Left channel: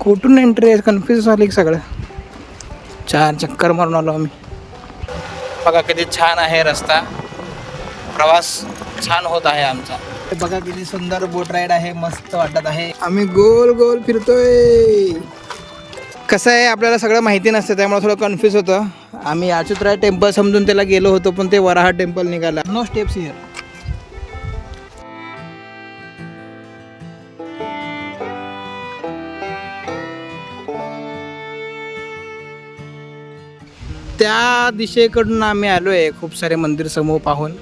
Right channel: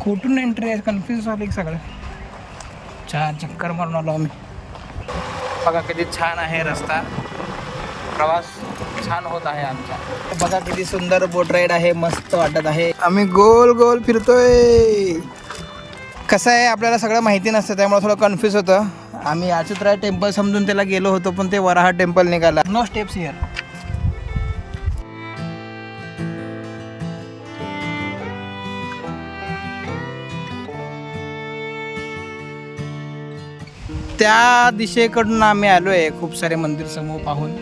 कुठून एंट्री आहे कन्फ्यूज झाली सगळं. 4 चक्कर मारून आलो आम्ही. बघा किती छान आहे रस्ता, प्रवास छान होत आहे आमचा. बघा किती सुंदर बोट राईड आहे, मस्त वाटत आहे. आम्ही गोल गोल फिरतोय. कसं आहे आपल्याला सगळं माहिती नसतं त्यामुळे थोडं कन्फ्यूज होतं. आम्ही अच्युतराय टेम्पल समजून त्याला गेलो होतो पण ते वराहा टेम्पल निघाला. No steps here. त्या दिशेकडून आम्ही आलो आहे. खूप सारे मंदिर समोर पाहून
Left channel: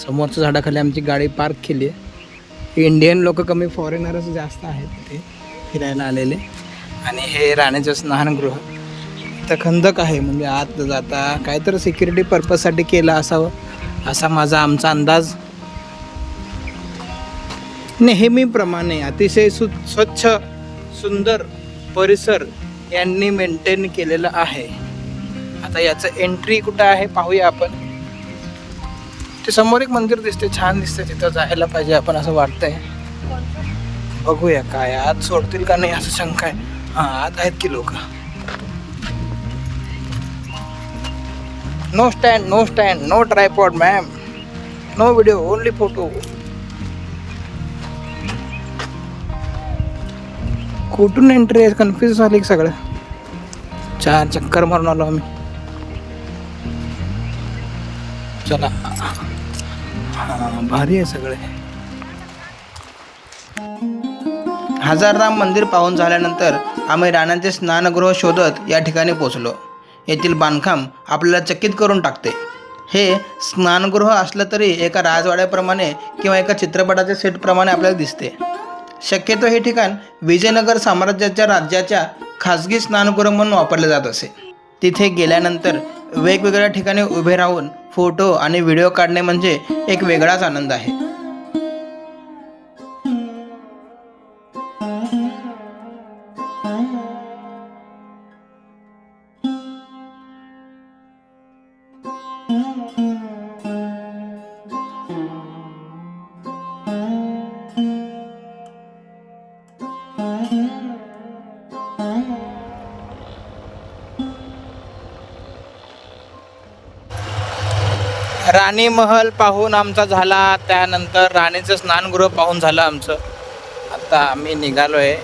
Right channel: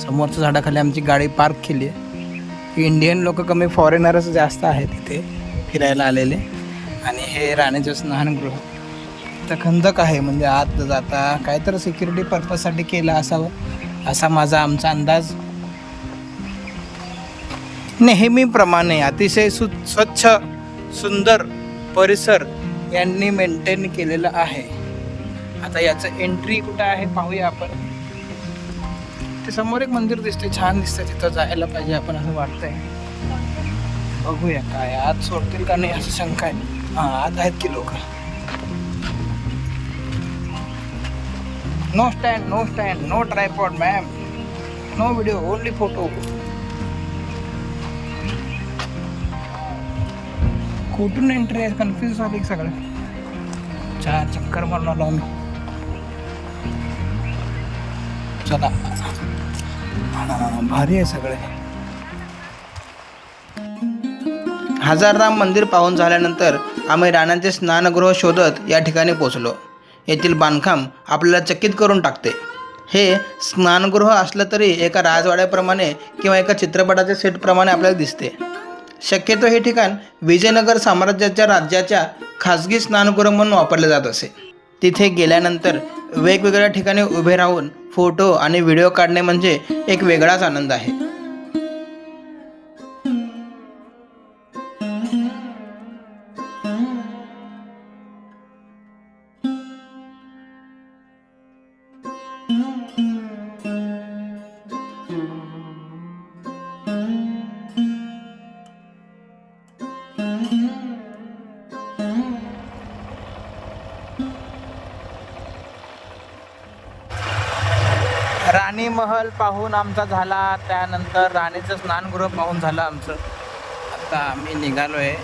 समोरच्या झाडाखाली आमची गाडी पार्क केली आहे. इंडियन लोक कमी, फॉरेनरच जास्त आहेत तिथे फिरायला आलेले. आणि हे राणीचं स्नानगृह. तर खंदक आहे म्हणजे आत जाता काहीतरी सिक्युरिटी पर्पजसाठी केलं असावं असा आमचा अंदाज. नेहमीप्रमाणे अतिशय स्वच्छ सुंदर परिसर यांनी मेंटेन केलेलं आहे. आता याचं एंट्री कुठं आहे पाहूया आपण. ते समोर एक मंदिर दिसते, छान दिसते, तिथं जायला पाहिजे आपण असं वाटतंय. बघूया काय आत सोडतील का नाही असं शंका आहे. हां आत आहेत की लोक. No stand, no stand, no tripod ma'am, no video, only photo. कुठून एंट्री आहे कन्फ्यूज झाली सगळं. 4 चक्कर मारून आलो आम्ही. चला भारी आहे सगळे. हजारराम मंदिर पाहून झाल्यानंतर आम्ही राणांचे स्नानगृह शोधत या ठिकाणी पोचलो. येथील बांधकाम आपल्याला चकित करून टाकते. हे स्नानगृह असलं तरी एका राजवाड्याप्रमाणे किंवा एका चित्रपटाच्या सेटप्रमाणे आपल्याला दिसते. शक्यतो हे ठिकाण विजयनगर साम्राज्याच्या राज्याच्या खाजगी स्नानगृह म्हणून वापरले जात असे. तिथे गेल्यानंतर वेगवेगळ्या ठिकाणी उभे राहून फोटो आणि व्हिडिओ काढणे म्हणजे एक वेगळाच आनंद आहे. राणी महल पाहून आमचा झाला, त्यानंतर राणीचं स्नानगृह पाहून झालं आमचं. आता आम्ही निघालो आहे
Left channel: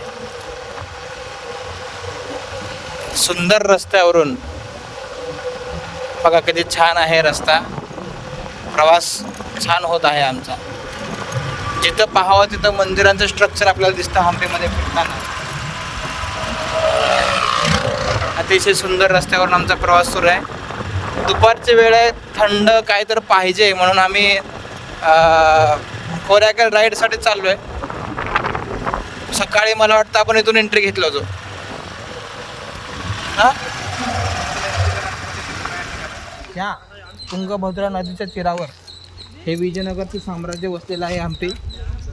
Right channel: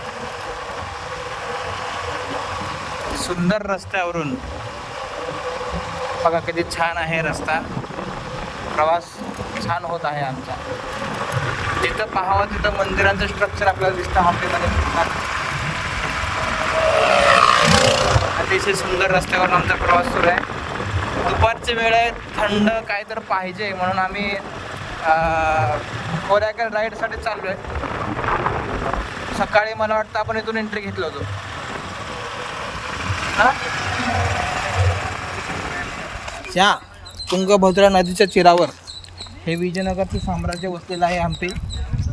सुंदर रस्त्यावरून. बघा किती छान आहे रस्ता, प्रवास छान होत आहे आमचा. जिथं पाहावं तिथं मंदिरांचं स्ट्रक्चर आपल्याला दिसतं हंपीमध्ये फिरताना. अतिशय सुंदर रस्त्यावर आमचा प्रवास सुरू आहे. दुपारची वेळ आहे, थंड काय तर पाहिजे म्हणून आम्ही कोरॅकल राईडसाठी चाललो आहे. सकाळी मला वाटतं आपण इथून एंट्री घेतलं होतो. त्या तुंगभद्रा नदीच्या तीरावर हे विजयनगरचं साम्राज्य वसलेलं आहे हंपी.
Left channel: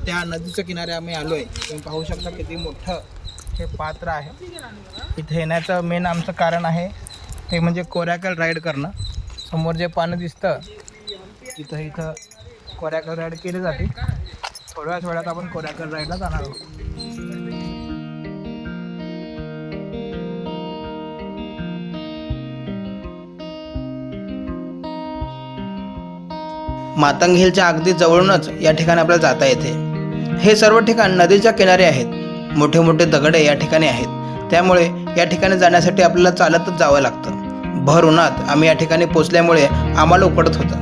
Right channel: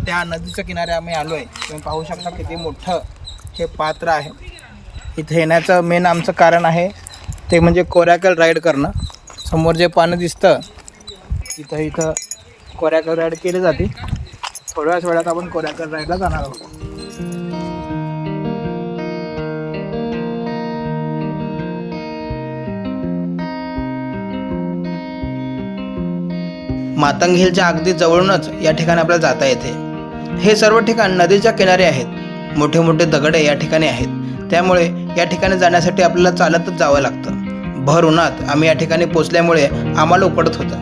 त्या नदीच्या किनारे आम्ही आलो आहे. तुम्ही पाहू शकता किती मोठं हे पात्र आहे. इथे येण्याचं मेन आमचं कारण आहे ते म्हणजे कोरॅकल राईड करणं. समोर जे पाणी दिसतं इथं कोरॅकल राईड केली जाते. थोड्याच वेळात आपण कोरॅकल राईडला जाणार आहोत. मातंग हिलच्या अगदी जवळूनच या ठिकाणी आपल्याला जाता येते. हे सर्व ठिकाण नदीच्या किनारे आहेत. मोठे मोठे दगडे या ठिकाणी आहेत. त्यामुळे या ठिकाणी जाण्यासाठी आपल्याला चालतच जावं लागतं. भर उन्हात आम्ही या ठिकाणी पोचल्यामुळे आम्हाला उकडत होतं.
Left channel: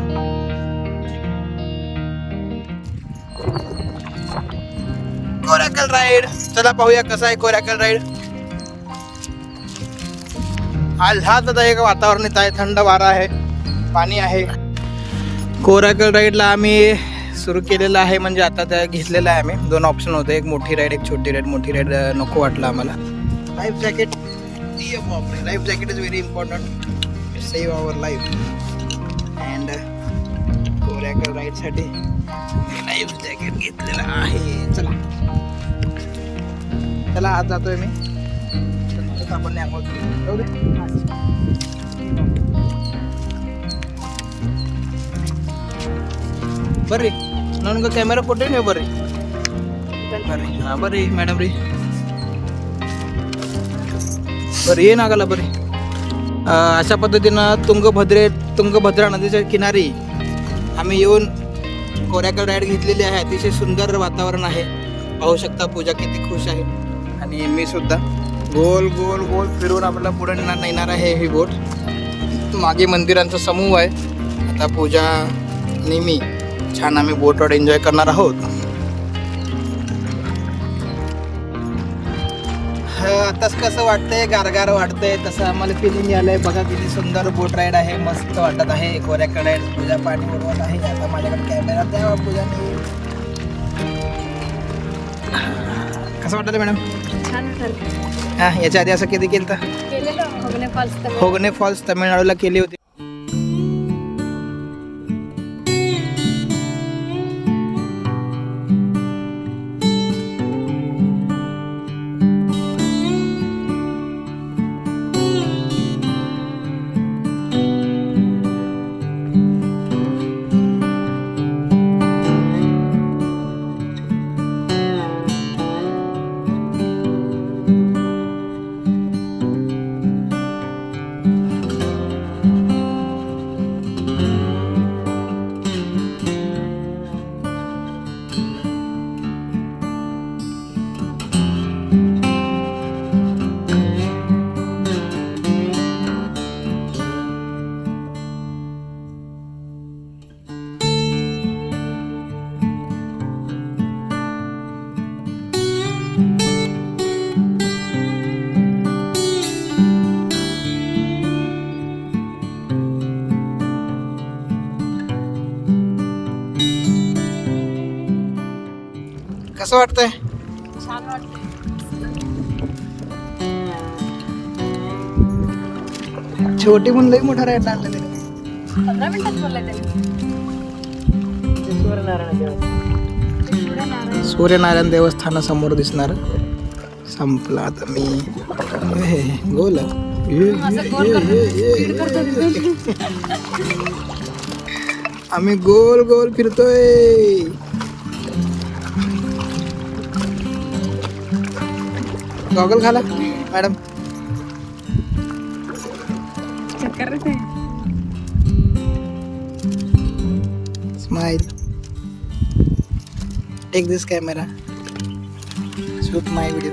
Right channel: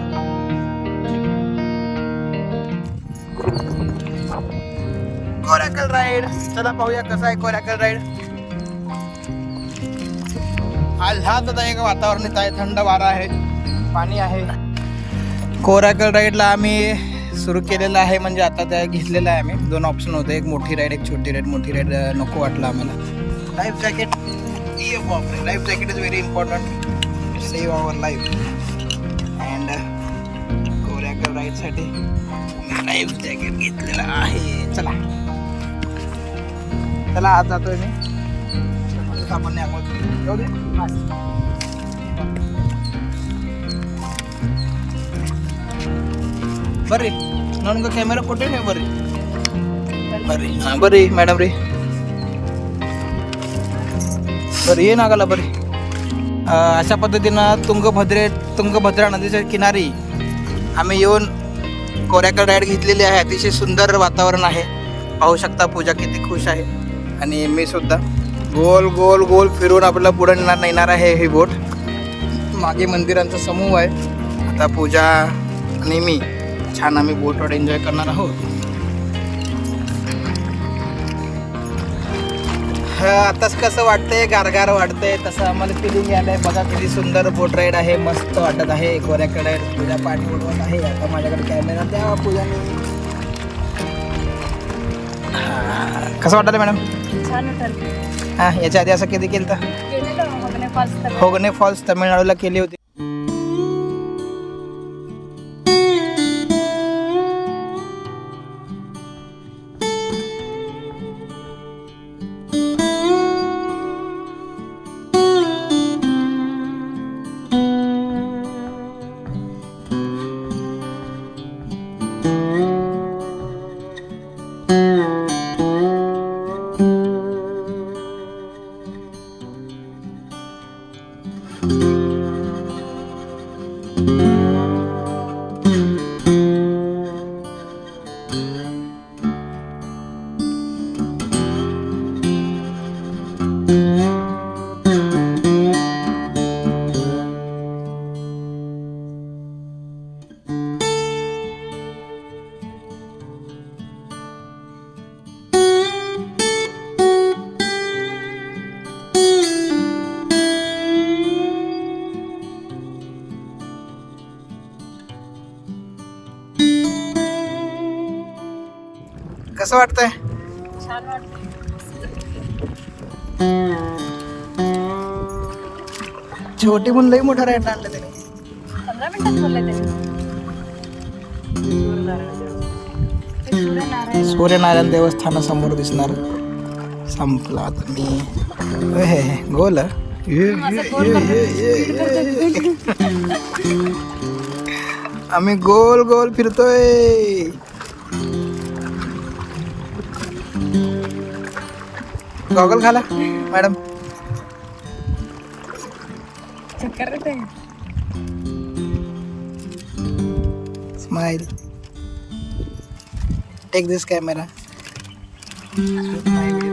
कोरॅकल राईड, चला पाहूया कसं आहे कोरॅकल राईड. आल्हाददायक वातावरण आहे, थंड वारा आहे, पाणी आहे. कोरॅकल राईडला आम्ही सुरू केलेलं आहे म्हणजे आता त्या घेतलेलं आहे आम्ही. 2 ऑप्शन होते, एक मोठी राईड एक छोटी राईड. मोठी राईड नको वाटलं आम्हाला. Life jacket, life jacket is very important, save our life. And coracle राईडसाठी मी लाईफ जॅकेट घेतलेलं आहे. चला चला आज जातोय मी. आपण ಬರ್ರಿ ನನಗೆ ಕ್ಯಾಮೆರಾ ಕೊಟ್ಟೆ ನೀವು ಬರ್ರಿ ಬರ್ರಿ ಹಾಂ ಬರ್ರಿ ಮೇಡಮ್ ರೀ. बरं ये नागाला बरे. अशा पद्धतीनं तुंगभद्रा नदीच्या किनारी आम्ही येऊन कोऱ्याकड राईड घेतलेली आहे. अतिशय सुंदर वातावरण आहे. पाहू शकता पूजा किती खुश आहे आणि मी सुद्धा. गोल गोल गोल फिरून आपल्याला पुढे नेणार आहे ही बोट. मागे मंदिरांचा समूह आहे. आता पूजा आणि मी छान आम्ही बोटवर एन्जॉय करणार आहोत. आताच कसं वाटतंय, गारगार वाटतंय तसं आम्हाला फिलिंग आलंय. बघा किती सुंदर बोट राईड आहे, मस्त वाटत आहे. कोऱ्याकड राईड पूजा पाणी उडवत आहे. आता माझ्याकडे कॅमेरा द्यावा पूजाने. कसं वाटतं मॅडम? छान वाटलं. हां, याच्या आधी असं कधी केलं तर? होगने फॉल्स तामिळनाडूला केली होती. कसं वाटतंय? छान वाटतंय. छोटी म्हणून लई मोठा राईड आणलं त्याने. 15 मिनिटात बोललाय त्याने. सूर्यनारायण देवस्थानासमोर दिसणार. संपला आता मी गोल. आम्ही गोल गोल फिरतोय. गॉगल घाला मॅडम. चक्कर येते. स्माइल. टेक दिस कॅमेरा. शूट माय व्हिडिओ.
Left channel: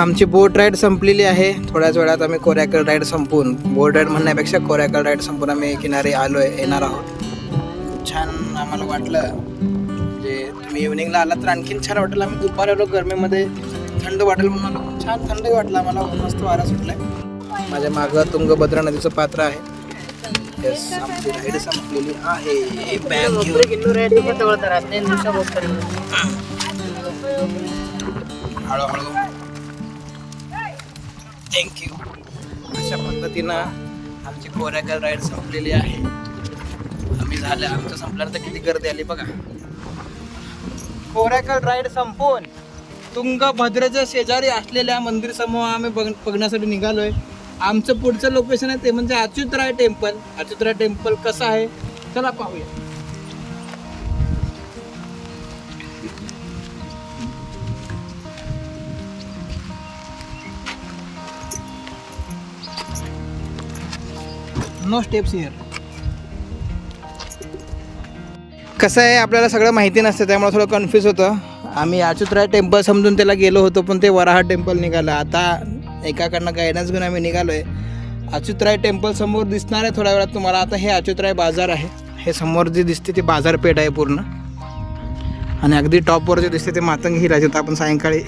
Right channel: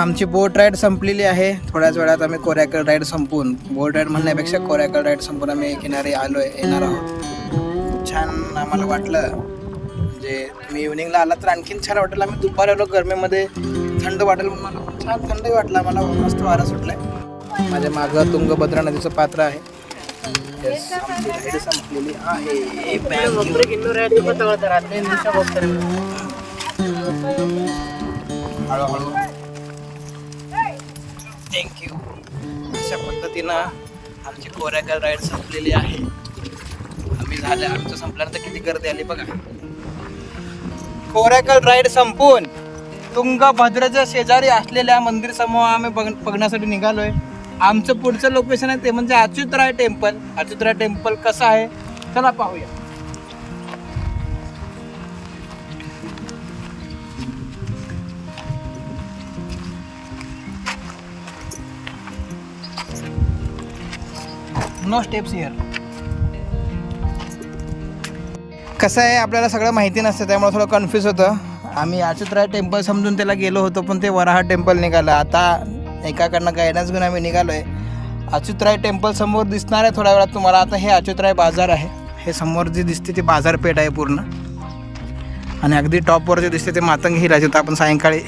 आमची बोट राईड संपलेली आहे. थोड्याच वेळात आम्ही कोऱ्याकड राईड संपवून, बोट राईड म्हणण्यापेक्षा कोऱ्याकड राईड संपून आम्ही किनारी येणार आहोत. छान आम्हाला वाटलं. म्हणजे तुम्ही इव्हनिंगला आलात तर आणखीन छान वाटेल. आम्ही दुपारी आलो गरमीमध्ये, थंड वाटेल म्हणून मला खूप छान थंडही वाटलं आम्हाला. मस्त वारा सुटलाय. माझ्या मागं तुंगभद्रा नदीचं पात्र आहे. आमची राईड संपलेली आहे. हळूहळू. थँक्यू. अशा पद्धतीनं आमची कोऱ्याकड राईड संपलेली आहे. आमचं संपल्यानंतर किती गर्दी आली बघा. कोऱ्याकड राईड संपून तुंगभद्रेच्या शेजारी असलेल्या मंदिर समूह आम्ही बघण्यासाठी निघालोय. आमचं पुढचं लोकेशन आहे ते म्हणजे अच्युतराय टेम्पल. अच्युतराय टेम्पल कसं आहे चला पाहूया. No steps here. कसं आहे, आपल्याला सगळं माहिती नसतं त्यामुळे थोडं कन्फ्यूज होतं. आम्ही अच्युतराय टेम्पल समजून त्याला गेलो होतो पण ते वराह टेम्पल निघालं. आता एकाकडनं गायडन्स घेऊन आम्ही निघालो आहे. अच्युतराय टेम्पल समोर दिसणार आहे थोड्या वेळात तुम्हाला. आता हे अच्युतराय बाजार आहे. हे समोर जी दिसते ती बाजारपेठ आहे पूर्ण. आणि अगदी टॉपवर जे दिसते ते मातंग हिल आहे. जिथं आपण सायंकाळी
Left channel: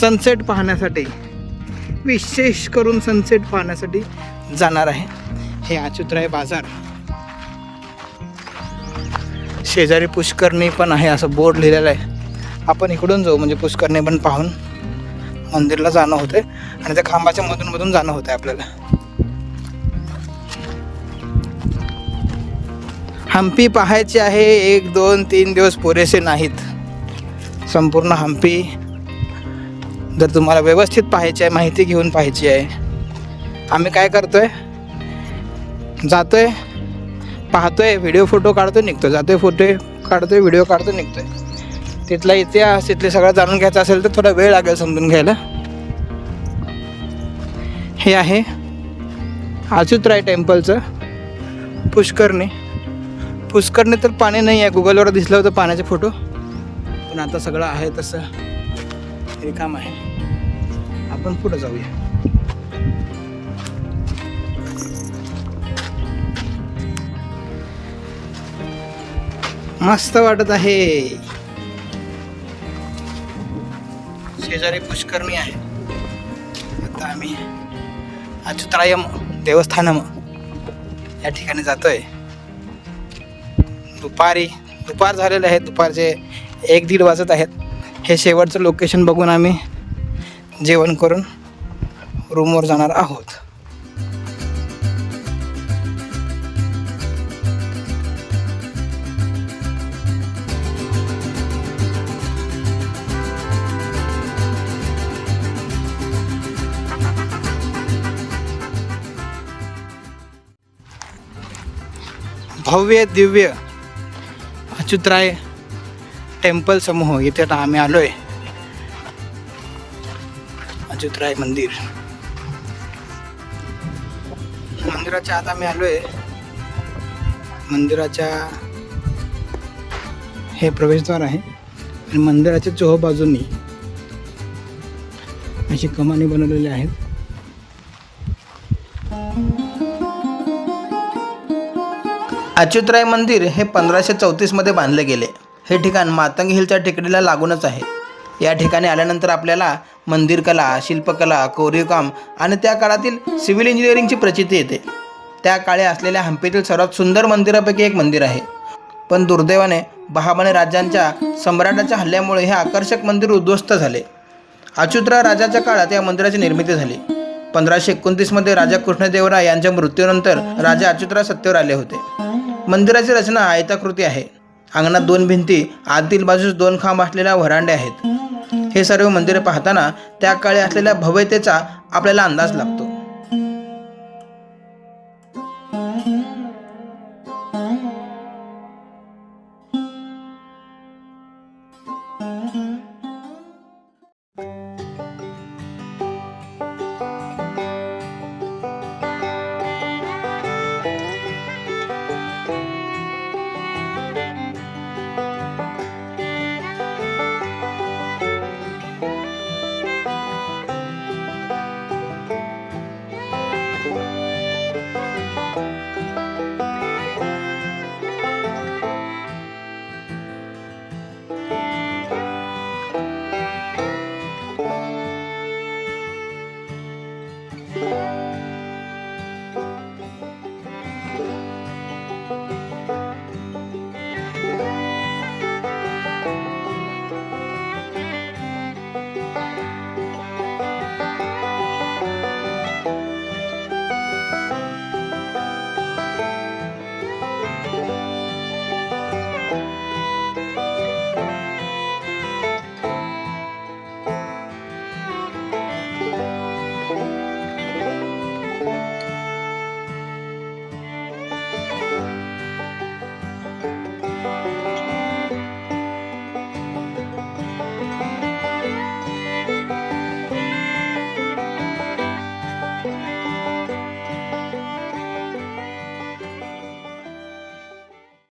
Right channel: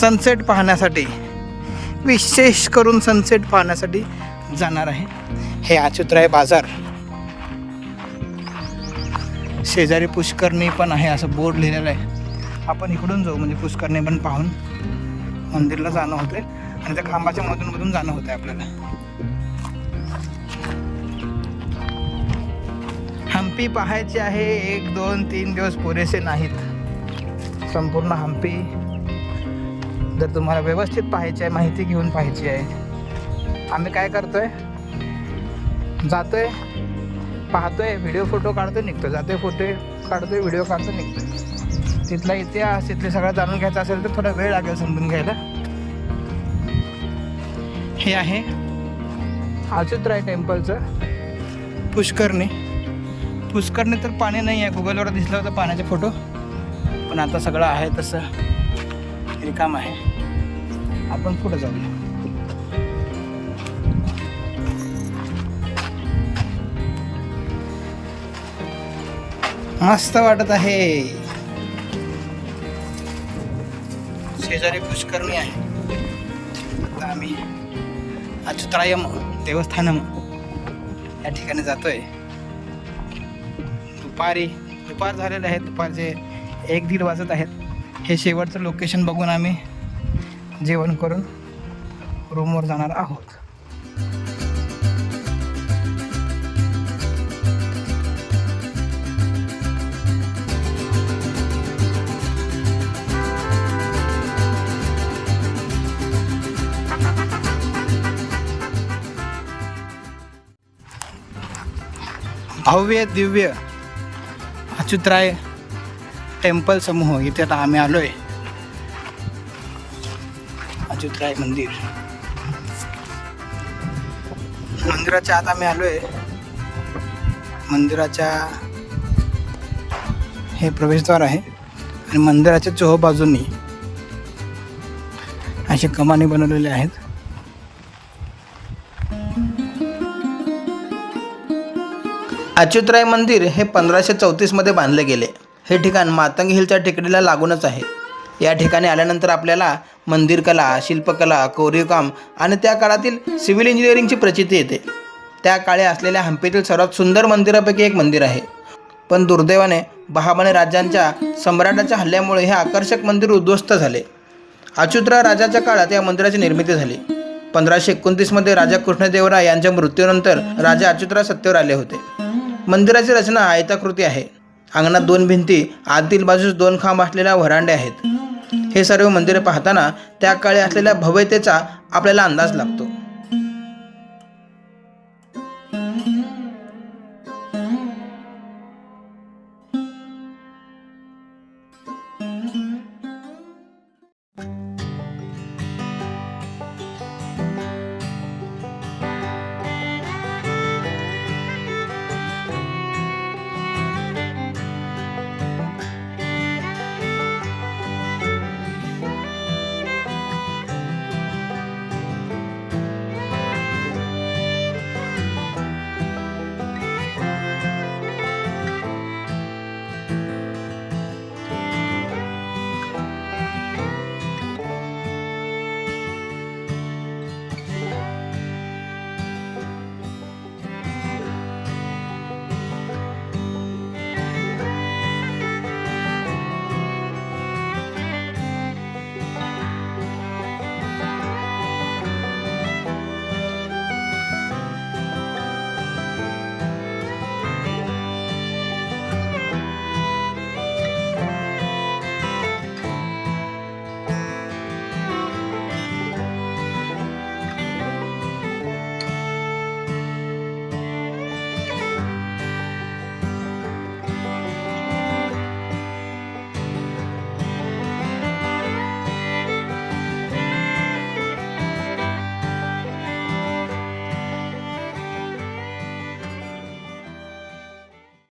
सनसेट पाहण्यासाठी, विशेष करून सनसेट पाहण्यासाठी जाणार आहे. हे अच्युतराय बाजार. शेजारी पुष्करणी पण आहे असं बोर्ड लिहिलेलं आहे. आपण इकडून जाऊ म्हणजे पुष्करणी पण पाहून मंदिरला जाणं होते आणि त्या खांबाच्या मधून जाणं होतं आपल्याला. हम्पी पाहायचे आहे. 1, 2, 3 दिवस पुरेसे नाहीत. संपूर्ण हम्पी जर तुम्हाला व्यवस्थित पाहायची आहे, माहिती घेऊन पाहायची आहे, आम्ही काय करतोय, जातोय, पाहतोय, व्हिडिओ फोटो काढतो, निघतो, जातोय, फोटो काढतोय, व्हिडिओ काढतो, निघतोय. तिथला इतिहास, तिथले सगळं जाणून घ्यायचं असेल तर थोडा वेळ लागेल समजून घ्यायला. हे आहे अच्युतराय टेम्पलचं पुष्करणी तर पाणी नाही आहे. गुगलवर दिसलं होतं पाण्याचे फोटो, पण आता सगळं आहे तसं रिकाम आहे. आपण पुढे जाऊया. मस्त वाटत आहे. शेजारी पुष्करणी आहे. आता आम्ही अच्युतालयम देवस्थानम या ठिकाणी जातोय. दुपार झालेलं आहे. दुपारचे 1-1:30 वाजत आहेत. हे शेवटचं लोकेशन बघून आम्ही जेवण करून रूमवर जाणार आहोत. भव्य दिव्य अच्युतराय टेम्पल समूह इथे आता आम्ही आलोय. अच्युतराय मंदिराच्या आत आम्ही आलोय. मंदिराच्या हे प्रवेशद्वार आहे आणि मंदिराच्या चोहोबाजूंनी असे कमानी बनवलेले आहेत. अच्युतराय मंदिर हे 1534 मध्ये बांधले गेले. हे ठिकाण मातंग हिलच्या टेकडीला लागूनच आहे. या ठिकाणी आल्यानंतर आपल्याला मंदिरकला, शिल्पकला, कोरीवकाम आणि त्या काळातील सिव्हिल इंजिनिअरिंगची प्रचिती येते. त्या काळी असलेल्या हंपीतील सर्वात सुंदर मंदिरापैकी एक मंदिर आहे. पण दुर्दैवाने बहामनी राज्यांच्या सम्राटाच्या हल्ल्यामुळे हे आकर्षक मंदिर उद्ध्वस्त झाले. अच्युतराय राजाच्या काळात या मंदिराची निर्मिती झाली. 1529 मध्ये राजा कृष्णदेवराय यांच्या मृत्यूनंतर राजा अच्युतराय सत्तेवर आले होते. मंदिराची रचना आयताकृती आहे. अंगणात 2 भिंती, आतील बाजूस 2 खांब असलेल्या व्हरांडे आहेत. हे सर्व मंदिरे पाहताना त्या काळी असलेल्या भव्यतेचा आपल्याला अंदाज लागतो.